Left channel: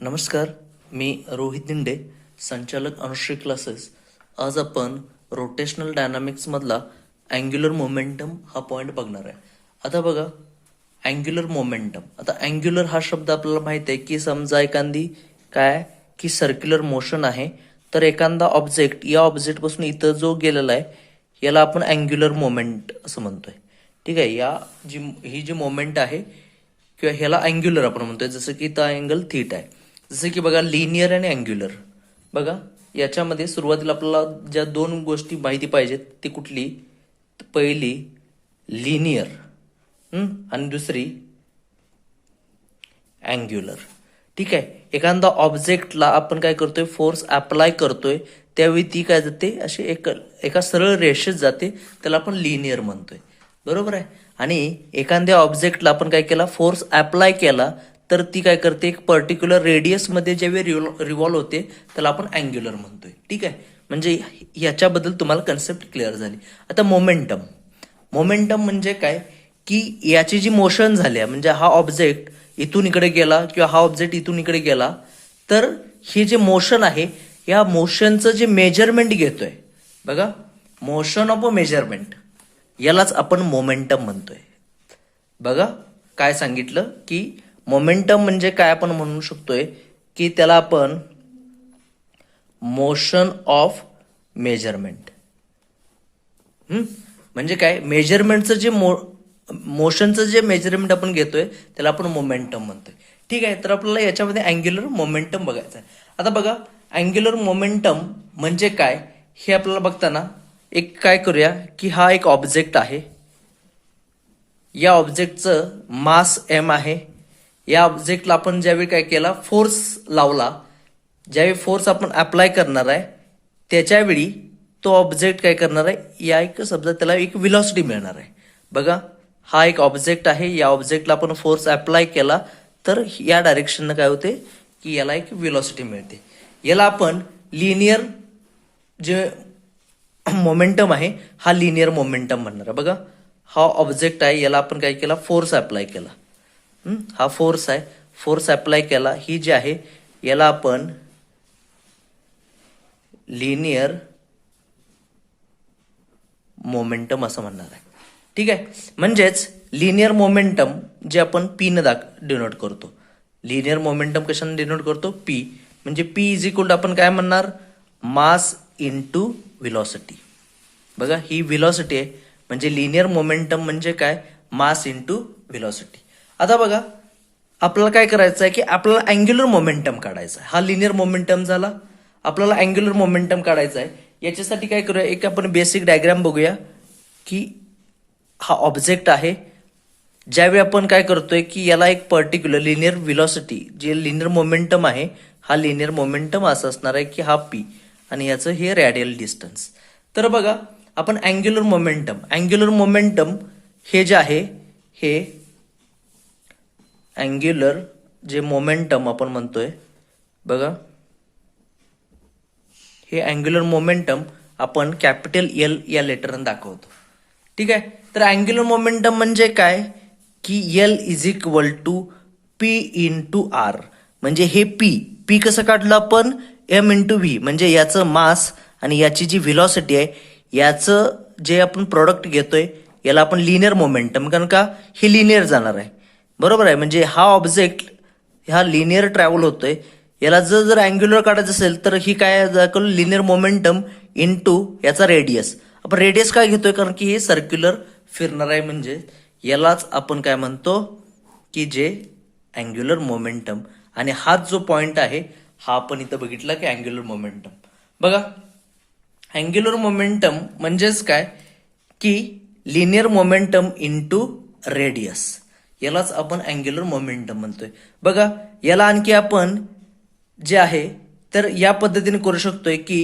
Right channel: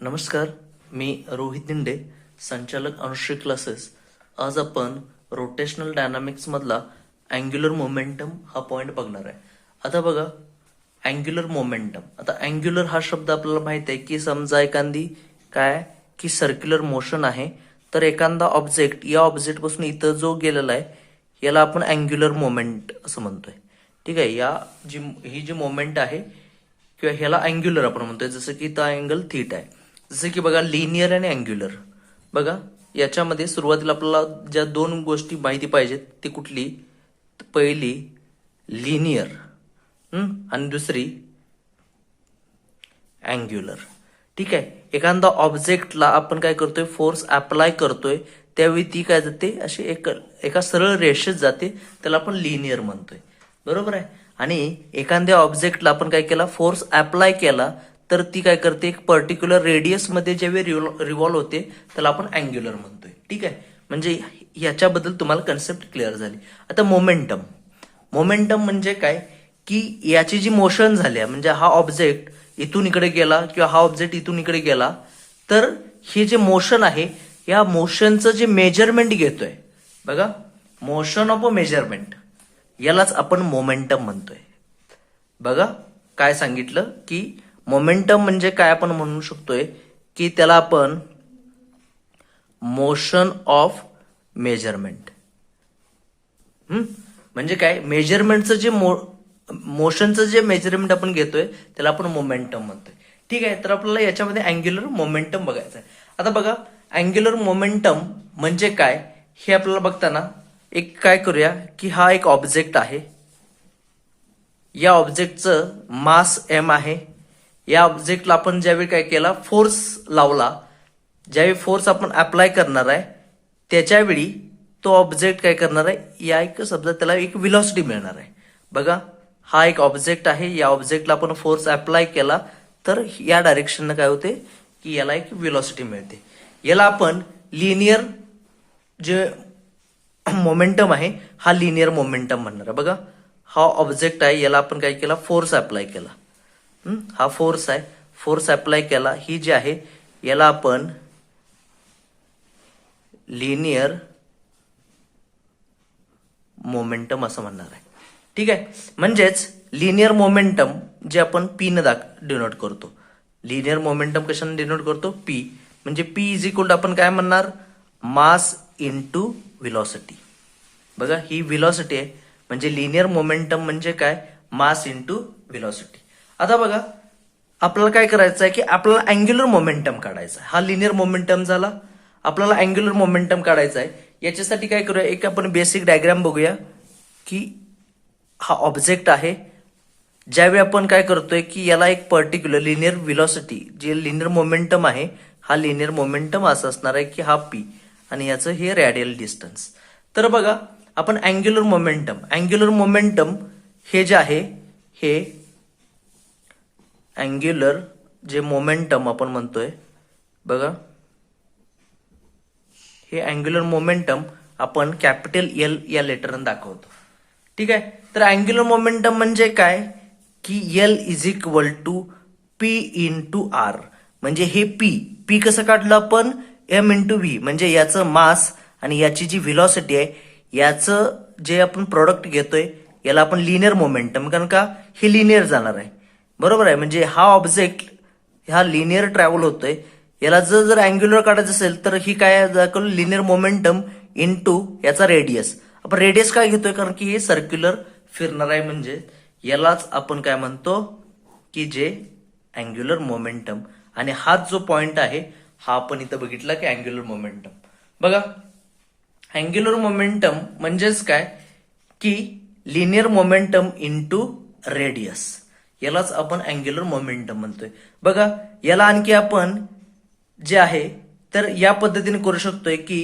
नमस्कार, मी रोहित दिंडे, संचालक अनुश्री क्लासेस. आज आपण रोटेशनल डायनामिक्स मधला अँग्युलर मोमेंटम हा पॉइंट बघणार आहे. आता बघा, अँग्युलर मोमेंटम. आता अँग्युलर हा शब्द आपल्याला माहिती आहे की समजा एखादी काय की सर्क्युलर मोशन आहे, तर एखादा ऑब्जेक्ट या ऑब्जेक्ट पासून इथं जो गेलेला आहे याला आपण अँग्युलर मोमेंट असं म्हणतोय. ठीक आहे, ही जी मोमेंट आहे किंवा ह्याला अँग्युलर आपण म्हणतोय. जसं की इथं अँगल थीटा आहे. जसं की बघा, लिनियर आणि अँग्युलर. बघा, याच्यामध्ये सुरुवातीला आपल्याला ज्या दोन गोष्टी माहिती पाहिजेत ती कुठली? पहिली लिनियर आणि दुसरी अँग्युलर. ठीक आहे, एखादा ऑब्जेक्टला आपण काय करतोय, फोर्स अप्लाय करतोय, त्यावेळी ती काय जाते, अशी एका सरळ रेषेत जाते, त्याला आपण लिनियर म्हणतोय. बरोबर आहे. आणि एखाद्या ऑब्जेक्टला आपण काय केला, फोर्स अप्लाय केला, तर ती काय करते, एक पर्टिक्युलर रेडियस मध्ये ज्यावेळी रिव्हॉल्व होते त्याला आपण अँग्युलर म्हणतोय. ठीक आहे, म्हणजे याच्याबद्दल तुम्हाला कन्सेप्ट क्लिअर झाली. आता मोमेंटम. मोमेंटम म्हणजे काय की याची जी मोशन झाली म्हणजे हा ऑब्जेक्ट इथून इकडे गेला किंवा हा ऑब्जेक्ट इथून इकडे गेला, तर हे जे मोशन आहे या मोशनचं जे मेजरमेंट घेतोय, बघा, मोशन ऑफ अ मेजरमेंट, यालाच आपण मोमेंटम म्हणतोय. बघा, काय सांगितलं की मोमेंटम म्हणजे काय आपण म्हणू शकतोय की त्याला आपण मोशन ऑफ मेजरमेंट. म्हणजे काय, मेजरमेंटचं जे मोशनचं जे मेजरमेंट आपण घेतोय त्याला आपण मोमेंटम म्हणतोय. ठीक आहे, तर आपल्याला याच्यामध्ये अँग्युलर मोमेंटम बघायचं आहे. आता बघा, अँग्युलर मोमेंटम म्हणजे काय हे आपल्याला बघताना एक काय करूया की हा एक ऑब्जेक्ट आहे, या ऑब्जेक्टचं मास एम आहे. या ऑब्जेक्टला आपण ज्यावेळी काय केला, फोर्स लावला, ज्यावेळी फोर्स आपण अप्लाय करणार आहे त्याच्यावेळी तो ऑब्जेक्ट काय करणार आहे, या एक समजा त्याला एक व्हेलॉसिटी मिळणार आहे. बघा, हा एक ऑब्जेक्ट आहे, या ऑब्जेक्टला आपण फोर्स अप्लाय केला तर या डायरेक्शननं काय होते की याला एक व्हेलॉसिटी मिळते. याला आपण लिनियर जे मोमेंटम आहे हा लिनियर मोमेंटम म्हणणार आहे. बघा, हा ऑब्जेक्ट आहे, याला आपण काय केला, फोर्स अप्लाय केला. हा फोर्स आहे, फोर्स अप्लाय केला, ही जी आहे याला आपण लिनियर मोमेंटम असं म्हणणार आहे. ठीक आहे, म्हणजेच लिनियर मोमेंटम जे आपण पी ने डिनोट करतो. लिनियर मोमेंटम कशाने डिनोट करतो, पी. म्हणजे पी इज इक्वल टू आपण काय म्हणणार, मास इंटू व्हेलॉसिटी. बघा, ही व्हेलॉसिटी आहे, म्हणजे लिनियर मोमेंटम म्हणजे काय, मास इंटू व्हेलॉसिटी. आता बघा, आपल्याला काय करायचं आहे की आपल्याला अँग्युलर मोमेंटम काढायचा. हा लिनियर मोमेंटम झाला, आपल्याला अँग्युलर मोमेंटम काढायचा आहे. याच्यासाठी काय करूया, एक आपण बेसिक डायग्राम बघूया की हा ऑब्जेक्ट आहे, ज्यावेळी आपण काय करतोय की याला एक पर्टिक्युलर लिनियर व्हेलॉसिटी, जे लिनियर मोमेंटम आहे, हा लिनियर मोमेंटम असं असणार आहे की हा पी आणि याचं हे रॅडियल डिस्टन्स. तर बघा, आपण अँग्युलर मोमेंटम हे जे आहे, हे अँग्युलर जे मोमेंटम आपण म्हणतोय, बघा, हे अँग्युलर मोमेंटम आपण कॅपिटल एल या लेटरने दाखवतो. ठीक आहे, तर अँग्युलर मोमेंटम म्हणजे काय की L is equal to p into r. म्हणजे हे पी कसं काढलं आपण, एम इंटू व्ही, म्हणजे याचं मास आणि याची जी व्हेलॉसिटी आहे, याचं जे आपण प्रोडक्ट घेतोय याला आपण लिनियर मोमेंटम, कारण का हे लिनियर जाणार आहे. बरोबर आहे, म्हणजे हा ऑब्जेक्ट हा लिनियर ट्रॅव्हल होतोय, याला जर अँग्युलर काढायचं असेल तर ही काय दाखवलं, लिनियर मोमेंटम इंटू याचा रेडियस. आपण रेडियस काय घेतोय, कारण की हे सर्क्युलर फिरणार आहे, म्हणजे यालाच आपण काय म्हणतो की जे अँग्युलर मोमेंटम. आणि हाच जो पॉइंट आहे हा आपण इथं बघितला की अँग्युलर मोमेंटम. बघा, अँग्युलर मोमेंटम म्हणजेच काय की लिनियर मोमेंटम इंटू रेडियस, यालाच आपण अँग्युलर मोमेंटम म्हणतोय. बघा, याला आणखी आपण जे आहे तर या पद्धतीने करू शकतोय की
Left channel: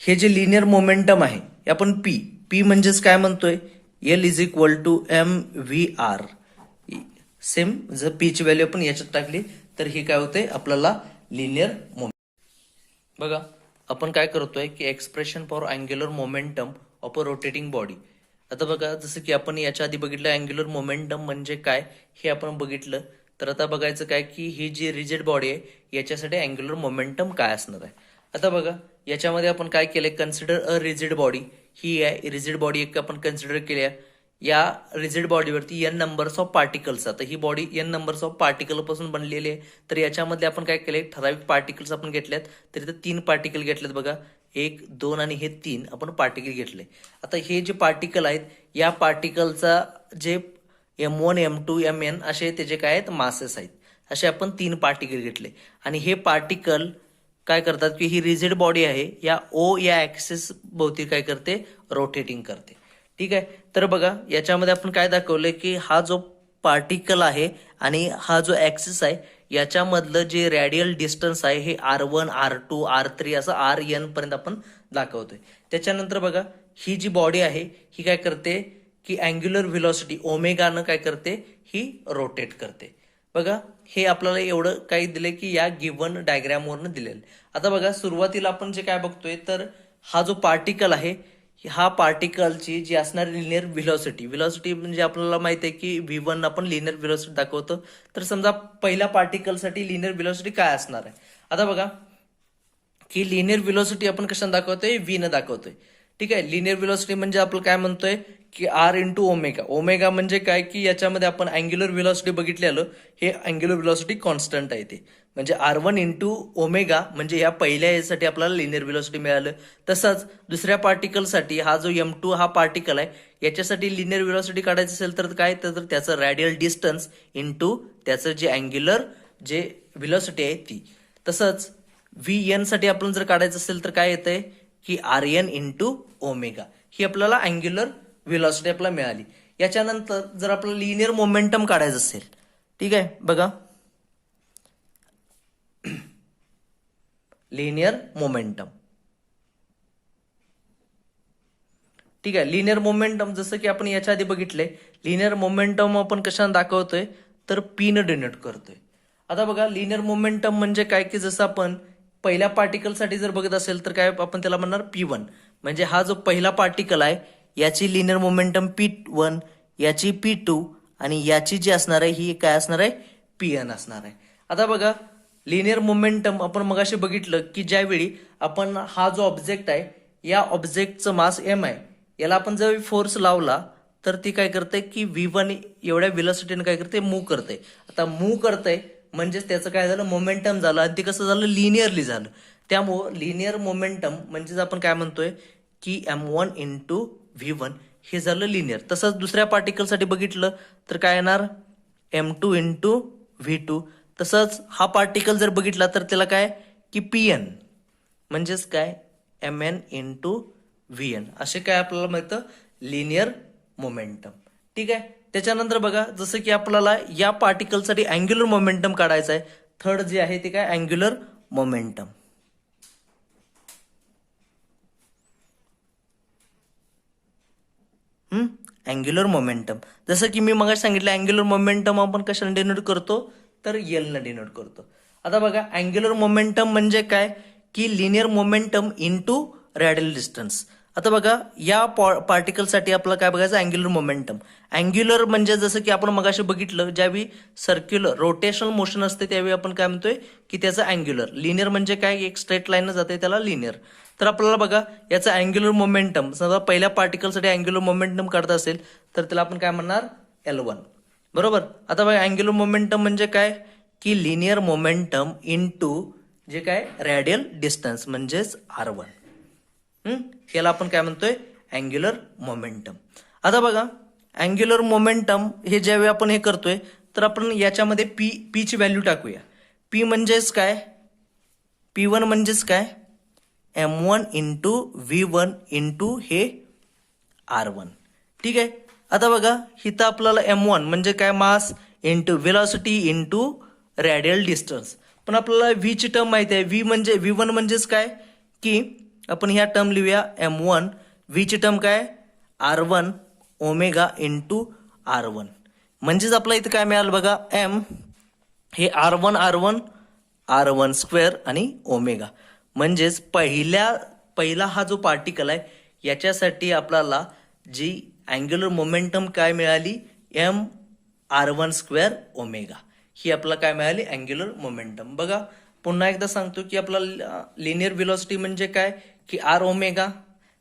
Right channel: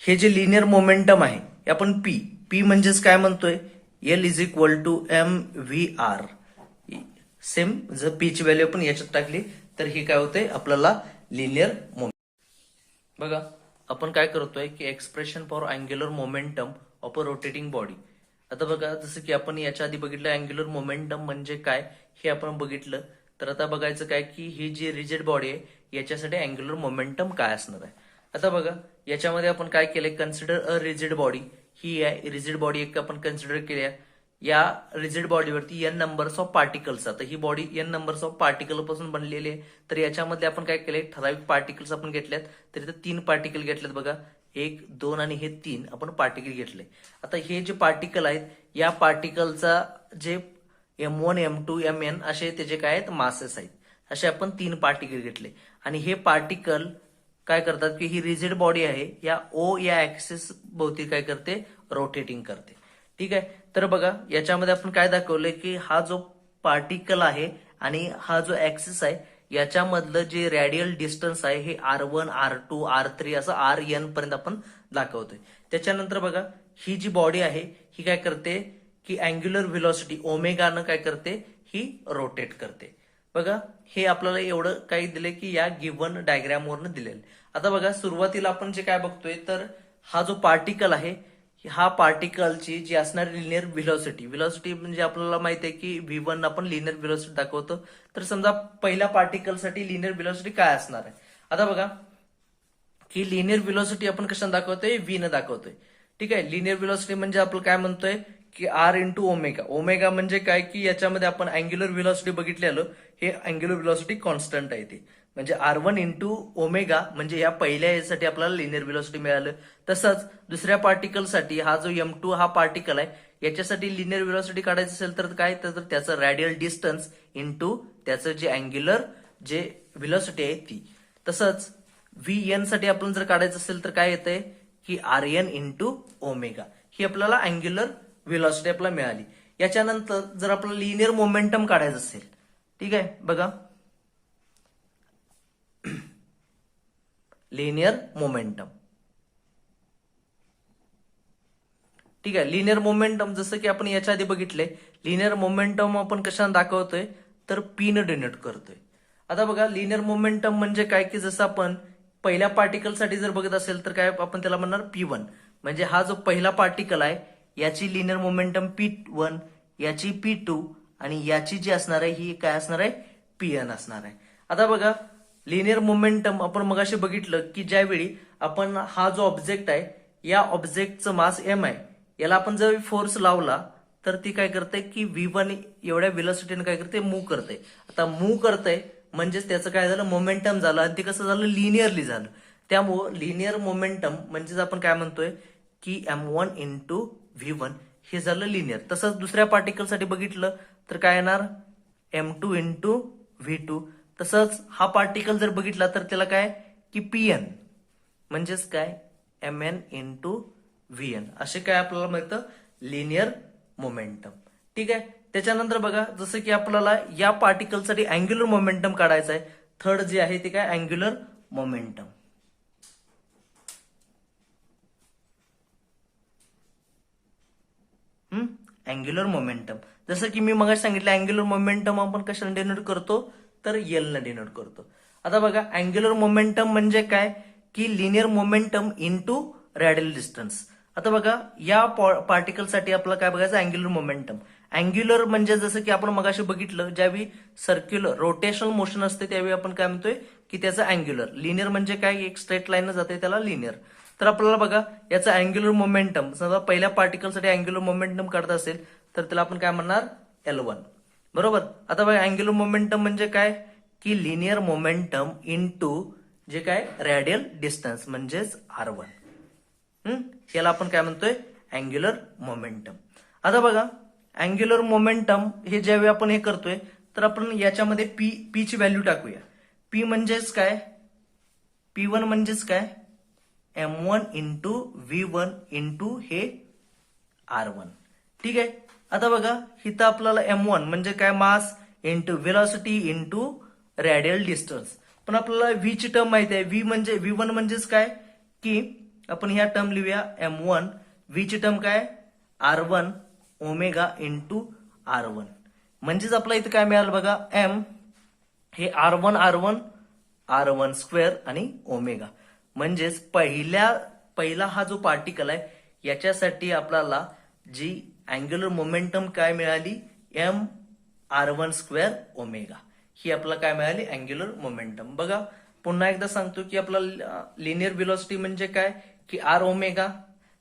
हे जे लिनियर मोमेंटम आहे हे आपण पी म्हणजेच काय म्हणतोय, L is equal to m v r. Same जर पी ची व्हॅल्यू आपण याच्यात टाकली तर हे काय होते, आपल्याला लिनियर मोमेंटम. बघा, आपण काय करतोय की expression for angular momentum of a rotating body. आता बघा, जसं की आपण याच्या आधी बघितलं अँग्युलर मोमेंटम म्हणजे काय हे आपण बघितलं. तर आता बघायचं काय की ही जी रिजिड बॉडी आहे याच्यासाठी अँग्युलर मोमेंटम काय असणार आहे. आता बघा याच्यामध्ये आपण काय केलंय, कन्सिडर अ रिजिड बॉडी. ही आहे रिजिड बॉडी एक आपण कन्सिडर केली आहे. या रिजिड बॉडीवरती एन नंबर्स ऑफ पार्टिकल्स. आता ही body n numbers of particle पासून बनलेली आहे. तर याच्यामध्ये आपण काय केलंय, ठराविक पार्टिकल्स आपण घेतल्यात. तर इथं 3 पार्टिकल घेतलेत बघा, 1, 2 आणि हे 3 आपण पार्टिकल घेतले. आता हे जे पार्टिकल आहेत या पार्टिकलचा जे M1, M2, Mn असे त्याचे काय आहेत, मासेस आहेत. असे आपण 3 पार्टिकल घेतले आणि हे पार्टिकल काय करतात की ही रिजिड बॉडी आहे या O या ऍक्सिस भोवती काय करते, रोटेटिंग करते. ठीक आहे. तर बघा याच्यामध्ये आपण काय दाखवलंय की हा जो पार्टिकल आहे आणि हा जो ऍक्सिस आहे याच्यामधलं जे रॅडियल डिस्टन्स आहे हे R1, R2, R3 असं Rn पर्यंत आपण दाखवतोय. त्याच्यानंतर बघा ही जी बॉडी आहे ही काय करते की अँग्युलर व्हेलॉसिटी ओमेगानं काय करते, ही रोटेट करते. बघा हे आपल्याला एवढं काही दिले की या गिव्हन डायग्रामवरनं दिलेलं. आता बघा सुरुवातीला आपण जे काय बघतोय तर हा जो पार्टिकल आहे हा पार्टिकलची जी असणारी लिनियर व्हेलॉसिटी म्हणजे आपल्याला माहिती आहे की V1 आपण लिनियर व्हेलॉसिटी दाखवतो. तर समजा पहिल्या पार्टिकलसाठी लिनियर व्हेलॉसिटी काय असणार आहे. आता बघा की लिनियर व्हेलॉसिटी आपण कशाने दाखवतोय, V न दाखवतोय. ठीक आहे. लिनियर व्हेलॉसिटी म्हणजे आपण काय म्हणतोय की R इंटू ओमेगा. ओमेगा म्हणजे काय की याच्यामध्ये आपण अँग्युलर व्हेलॉसिटी बघितलेलं, हे अँग्युलर व्हेलॉसिटी कॉन्स्टंट आहे ते. म्हणजे R1 इंटू ओमेगा म्हणजे या पहिल्या यासाठी आपल्याला लिनियर व्हेलॉसिटी मिळालं. तसंच दुसऱ्या पार्टिकलसाठी हा जो M2 हा पार्टिकल आहे याच्यासाठी लिनियर व्हेलॉसिटी काढायचं असेल तर काय, तर त्याचं रॅडियल डिस्टन्स इंटू त्याचं जे अँग्युलर जे व्हेलॉसिटी आहे ती. तसंच Vn साठी आपण जर काढायचं असेल तर काय येतंय की Rn इंटू ओमेगा. ही आपल्याला अँग्युलर व्हेलॉसिटी आपल्याला मिळाली. याच्यानंतर जर आपल्याला लिनियर मोमेंटम काढायचं असेल, ठीक आहे बघा लिनियर मोमेंटम. ठीक आहे. लिनियर मोमेंटम जसं की आपण याच्या आधी बघितलंय, लिनियर मोमेंटम आपण कशाने दाखवतोय तर P न डिनोट करतोय. आता बघा लिनियर मोमेंटम म्हणजे काय की जसं आपण पहिल्या पार्टिकलसाठी जर बघत असेल तर काय आपण त्याला म्हणणार P1. म्हणजे हा जो पहिला पार्टिकल आहे याची लिनियर मोमेंटम P1, याची P2 आणि याची जी असणार आहे ही काय असणार आहे, Pn असणार आहे. आता बघा लिनियर मोमेंटम आपण मगाशी बघितलं की ज्यावेळी आपण हा जो ऑब्जेक्ट आहे या ऑब्जेक्टचं मास M आहे, याला आपण जर फोर्स लावला तर ती काय करते की V1 एवढ्या व्हेलॉसिटीने काय करते, मूव्ह करते. आता मूव्ह करते म्हणजेच त्याचं काय झालं, मोमेंटम झालं आणि ते कसं झालं, लिनियरली झालं. त्यामुळं लिनियर मोमेंटम म्हणजेच आपण काय म्हणतोय की M1 इंटू V1 हे झालं लिनियर. तसंच दुसऱ्या पार्टिकलसाठी बघितलं तर काय येणार, M2 इंटू V2. तसंच हा पार्टिकल जर बघितला तर त्याला काय की Pn म्हणजेच काय Mn इंटू Vn असे काय आपल्याला मिळतं लिनियर मोमेंटम. ठीक आहे. त्याच्यानंतर बघा जसं की आपल्याला या पार्टिकलसाठी अँग्युलर मोमेंटम काढायचं आहे. थर्ड जे आहे ते काय अँग्युलर मोमेंटम. अँग्युलर मोमेंटम जसं की मी मग सांगितलं अँग्युलर मोमेंटम आपण कशाने डिनोट करतो तर L न डिनोट करतो. आता बघा अँग्युलर मोमेंटम म्हणजे काय की linear momentum into radial distance. आता बघा या पार्टिकलसाठी आपल्याला काय बघायचं, अँग्युलर मोमेंटम. अँग्युलर म्हणजे जसं की आपण मगाशी बघितलं ज्यावेळी सर्क्युलर रोटेशनल मोशन असते त्यावेळी आपण काय म्हणतोय की त्याचं अँग्युलर. लिनियर म्हणजे काय, एक स्ट्रेट लाईन जाते त्याला लिनियर. तर आपल्याला बघा याचं अँग्युलर मोमेंटम समजा पहिल्या पार्टिकलसाठी अँग्युलर मोमेंटम काढत असेल तर त्याला आपण काय म्हणणार L1. बरोबर. आता बघा अँग्युलर मोमेंटम म्हणजे काय की लिनियर मोमेंटम इंटू जे काय रॅडियल डिस्टन्स म्हणजेच R1. याला आपण काय म्हणतोय अँग्युलर मोमेंटम. आता बघा अँग्युलर मोमेंटम हे ज्यावेळी आपण हे करतोय तर आपण याच्यामध्ये पी ची व्हॅल्यू टाकूया. P म्हणजेच काय, P1 म्हणजेच काय M1 इंटू V1 इंटू हे R1. ठीक आहे. आता बघा इथं आपल्याला M1 म्हणजे काय mass into velocity into radial distance. पण आपल्याला V ची टर्म माहिती आहे. V1 म्हणजेच काय की आपण ह्या टर्म लिहूया M1, V ची टर्म काय R1 ओमेगा इंटू R1. म्हणजेच आपल्याला इथं काय मिळालं बघा M हे R1 स्क्वेअर आणि ओमेगा. म्हणजेच पहिला हा जो पार्टिकल आहे याच्यासाठी आपल्याला जी अँग्युलर मोमेंटम काय मिळाली M R1 स्क्वेअर ओमेगा. ही आपल्याला काय मिळाली अँग्युलर मोमेंटम. बघा पुन्हा एकदा सांगतो की आपला लिनियर व्हेलॉसिटी म्हणजे काय की आर ओमेगा.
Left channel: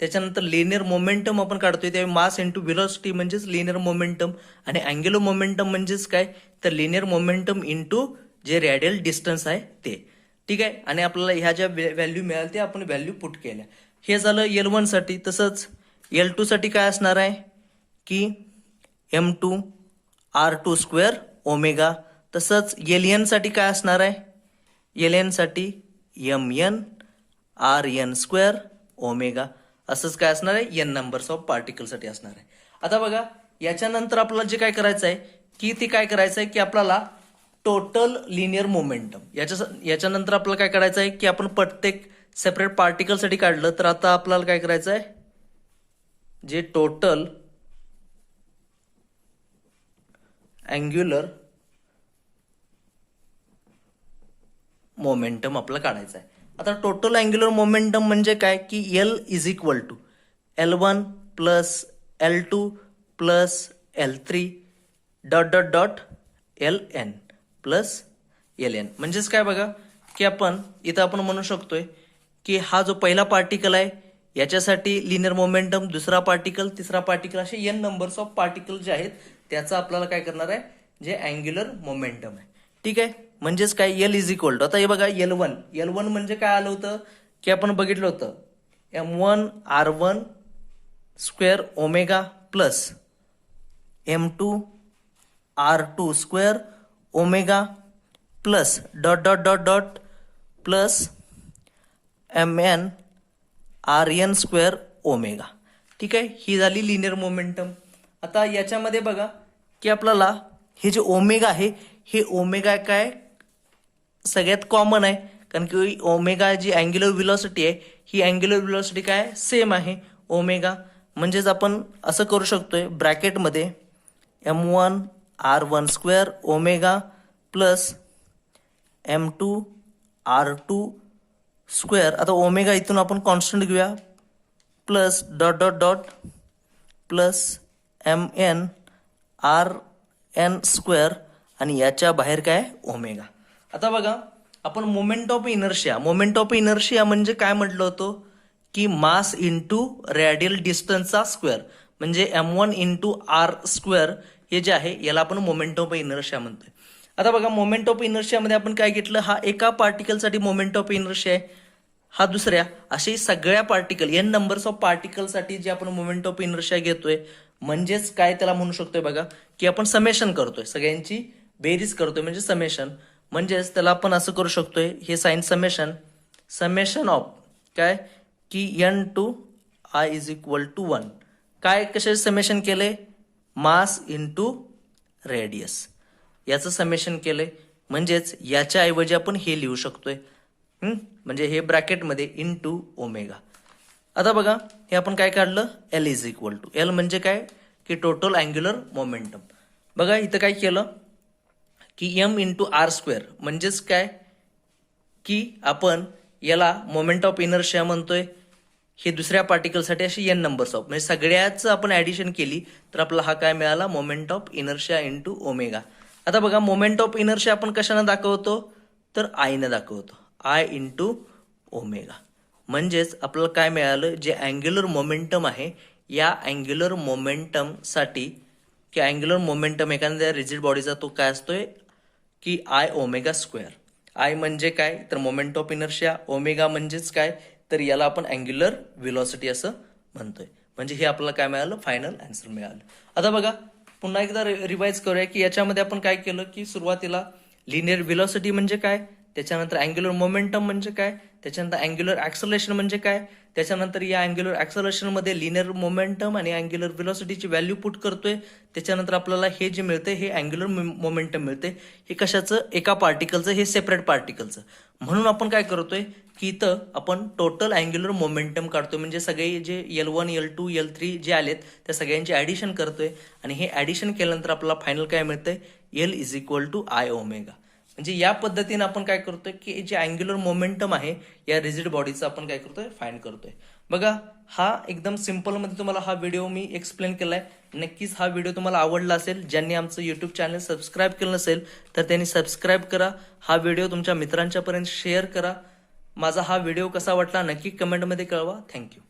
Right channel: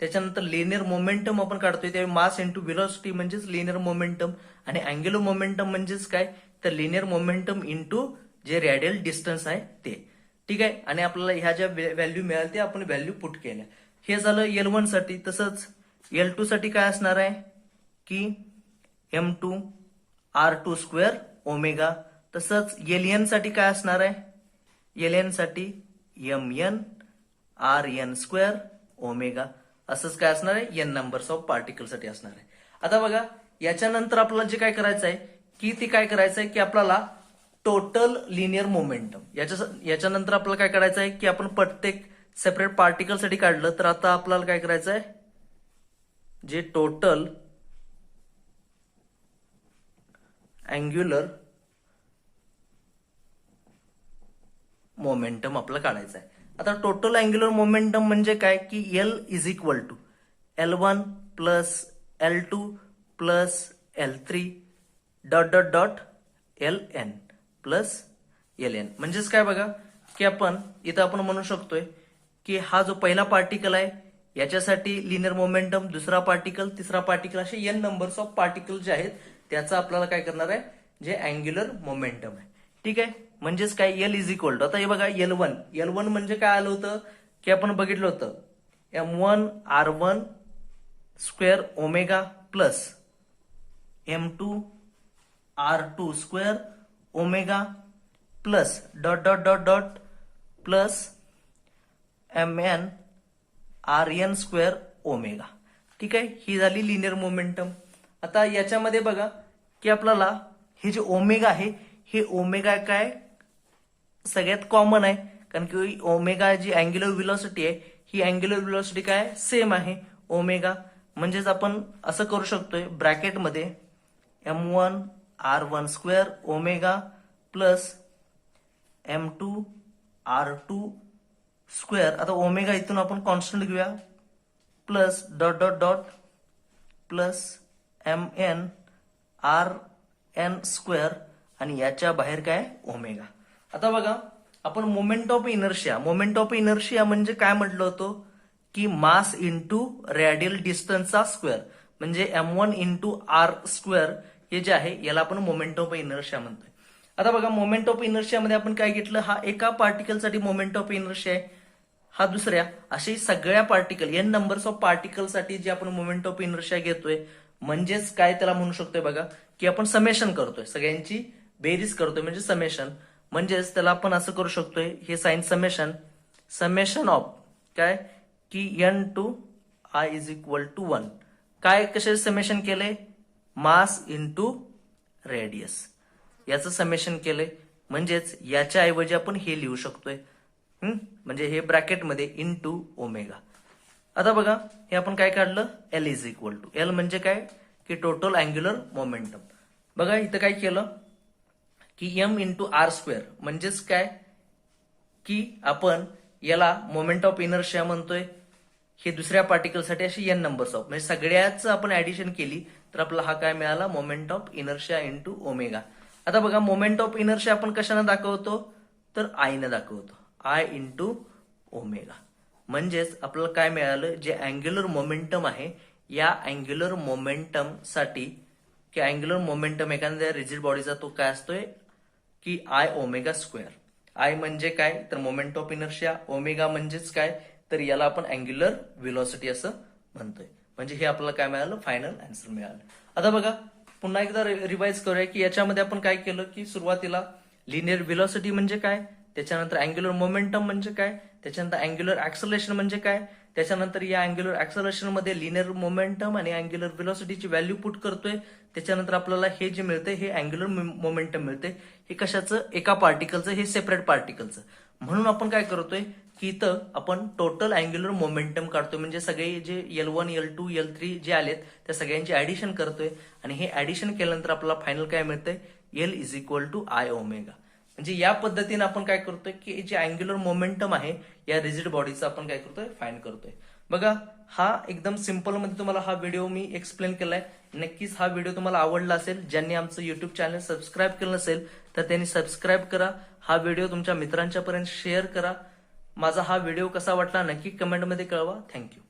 त्याच्यानंतर लिनियर मोमेंटम आपण काढतोय त्यावेळी मास इंटू व्हेलॉसिटी म्हणजेच लिनियर मोमेंटम, आणि अँग्युलर मोमेंटम म्हणजेच काय तर लिनियर मोमेंटम इंटू जे रेडियल डिस्टन्स आहे ते. ठीक आहे, आणि आपल्याला ह्या ज्या व्हॅल्यू मिळाल्या त्या आपण व्हॅल्यू पुट केल्या. हे झालं L1 साठी. तसंच L2 साठी काय असणार आहे की M2 R2 स्क्वेअर ओमेगा. तसंच LN साठी काय असणार आहे, LN साठी MN RN स्क्वेअर ओमेगा. असंच काय असणार आहे N नंबर्स ऑफ पार्टिकल साठी असणार आहे. आता बघा याच्यानंतर आपल्याला जे काय करायचं आहे की ते काय करायचं आहे की आपल्याला टोटल लिनियर मोमेंटम याच्यानंतर आपल्याला काय करायचं आहे की आपण प्रत्येक सेपरेट पार्टिकल साठी काढलं, तर आता आपल्याला काय करायचं आहे जे टोटल अँग्युलर मोमेंटम आपल्याला काढायचं आहे. आता टोटल अँग्युलर मोमेंटम म्हणजे काय की L is equal to L1 plus L2 plus L3 dot dot dot LN plus LN. म्हणजेच काय बघा की आपण म्हणू शकतोय की हा जो पहिला पार्टिकल आहे याच्यासाठी लिनियर मोमेंटम, दुसरा पार्टिकल, तिसरा पार्टिकल, असे N नंबर्स ऑफ पार्टिकल जे आहेत त्याचा आपल्याला काय करणार आहे जे अँग्युलर मोमेंटम आहे. ठीक आहे, म्हणजेच काय L इज इक्वल टू, आता हे बघा L1 म्हणजे काय आलं होतं की आपण बघितलं होतं M1 R1 square omega plus M2 R2 square omega plus dot dot dot dot plus MN RN square omega. ठीक आहे, ही झाली लिनियर मोमेंटम. आता याच्यामध्ये बघा की आपल्याला हे जे ओमेगा आहे हे ओमेगा काय सगळ्यात कॉमन आहे, कारण की ओमेगा जी अँग्युलर व्हेलॉसिटी आहे ही अँग्युलर व्हेलॉसिटी काय सेम आहे ओमेगा. म्हणजेच आपण असं करू शकतोय ब्रॅकेटमध्ये M1 R1 square omega plus M2 R2 square. आता ओमेगा इथून आपण कॉन्स्टंट घेऊया plus dot dot dot plus MN RN square आणि याच्या बाहेर काय ओमेगा. आता बघा आपण मोमेंट ऑफ इनर्शिया म्हणजे काय म्हटलं होतं की मास इंटू रेडियल डिस्टन्सचा स्क्वेअर, म्हणजे M1 इंटू R स्क्वेअर हे जे आहे याला आपण मोमेंट ऑफ इनर्शिया म्हणतोय. आता बघा मोमेंट ऑफ इनर्शियामध्ये आपण काय घेतलं, हा एका पार्टिकलसाठी मोमेंट ऑफ इनर्शिया आहे, हा दुसऱ्या, असे सगळ्या पार्टिकल N नंबर्स ऑफ पार्टिकलसाठी जे आपण मोमेंट ऑफ इनर्शिया घेतोय म्हणजेच काय त्याला म्हणू शकतोय बघा की आपण समेशन करतोय, सगळ्यांची बेरीज करतोय म्हणजे समेशन. म्हणजेच त्याला आपण असं करू शकतोय हे साइन समेशन ऑफ काय की N to I is equal to 1. काय कसे समेशन केले, मास इंटू रेडियस याचं समेशन केलंय. म्हणजेच याच्या ऐवजी आपण हे लिहू शकतोय म्हणजे हे ब्रॅकेटमध्ये इंटू ओमेगा. आता बघा हे आपण काय काढलं L is equal to, L म्हणजे काय की टोटल अँग्युलर मोमेंटम. बघा इथं काय केलं की M इंटू R स्क्वेअर म्हणजेच काय की आपण याला मोमेंट ऑफ इनर्शिया म्हणतोय, हे दुसऱ्या पार्टिकलसाठी अशी N नंबर्स ऑफ, म्हणजे सगळ्याच आपण ऍडिशन केली तर आपला हा काय मिळाला moment of inertia into omega. आता बघा मोमेंट ऑफ इनर्शिया आपण कशानं दाखवतो तर I ने दाखवतो, I इंटू ओमेगा. म्हणजेच आपल्याला काय मिळालं जे अँग्युलर मोमेंटम आहे या अँग्युलर मोमेंटम साठी की अँग्युलर मोमेंटम एखाद्या रिजिड बॉडीचा तो काय असतोय की I ओमेगा स्क्वेअर. I म्हणजे काय तर मोमेंट ऑफ इनर्शिया, ओमेगा म्हणजेच काय तर याला आपण अँग्युलर व्हेलॉसिटी असं म्हणतोय. म्हणजे हे आपल्याला काय मिळालं फायनल आन्सर मिळालं. आता बघा पुन्हा एकदा रिवाइज करूया की याच्यामध्ये आपण काय केलं की सुरुवातीला लिनियर व्हेलॉसिटी म्हणजे काय, त्याच्यानंतर अँग्युलर मोमेंटम म्हणजे काय, त्याच्यानंतर अँग्युलर ऍक्सलरेशन म्हणजे काय, त्याच्यानंतर या अँग्युलर ऍक्सलरेशन मध्ये लिनियर मोमेंटम आणि अँग्युलर व्हेलॉसिटीची व्हॅल्यू पुट करतोय. त्याच्यानंतर आपल्याला हे जे मिळतंय हे अँग्युलर मोमेंटम मिळते, हे कशाचं एका पार्टिकलचं, हे सेपरेट पार्टिकलचं. म्हणून आपण काय करतोय की इथं आपण टोटल अँग्युलर मोमेंटम काढतोय, म्हणजे सगळे जे L1 L2 L3 जे आलेत त्या सगळ्यांची ऍडिशन करतोय आणि हे ऍडिशन केल्यानंतर आपल्याला फायनल काय मिळतंय L is equal to I omega. म्हणजे या पद्धतीने आपण काय करतोय की जे अँग्युलर मोमेंटम आहे या रिजिड बॉडीचं आपण काय करतोय फाइंड करतोय. बघा, हा एकदम सिम्पल मध्ये तुम्हाला हा व्हिडिओ मी एक्सप्लेन केलाय. नक्कीच हा व्हिडिओ तुम्हाला आवडला असेल. ज्यांनी आमचं युट्यूब चॅनल सबस्क्राईब केलं नसेल तर त्यांनी सबस्क्राईब करा. हा व्हिडिओ तुमच्या मित्रांच्या पर्यंत शेअर करा. माझा हा व्हिडिओ कसा वाटला नक्की कमेंटमध्ये कळवा. थँक्यू.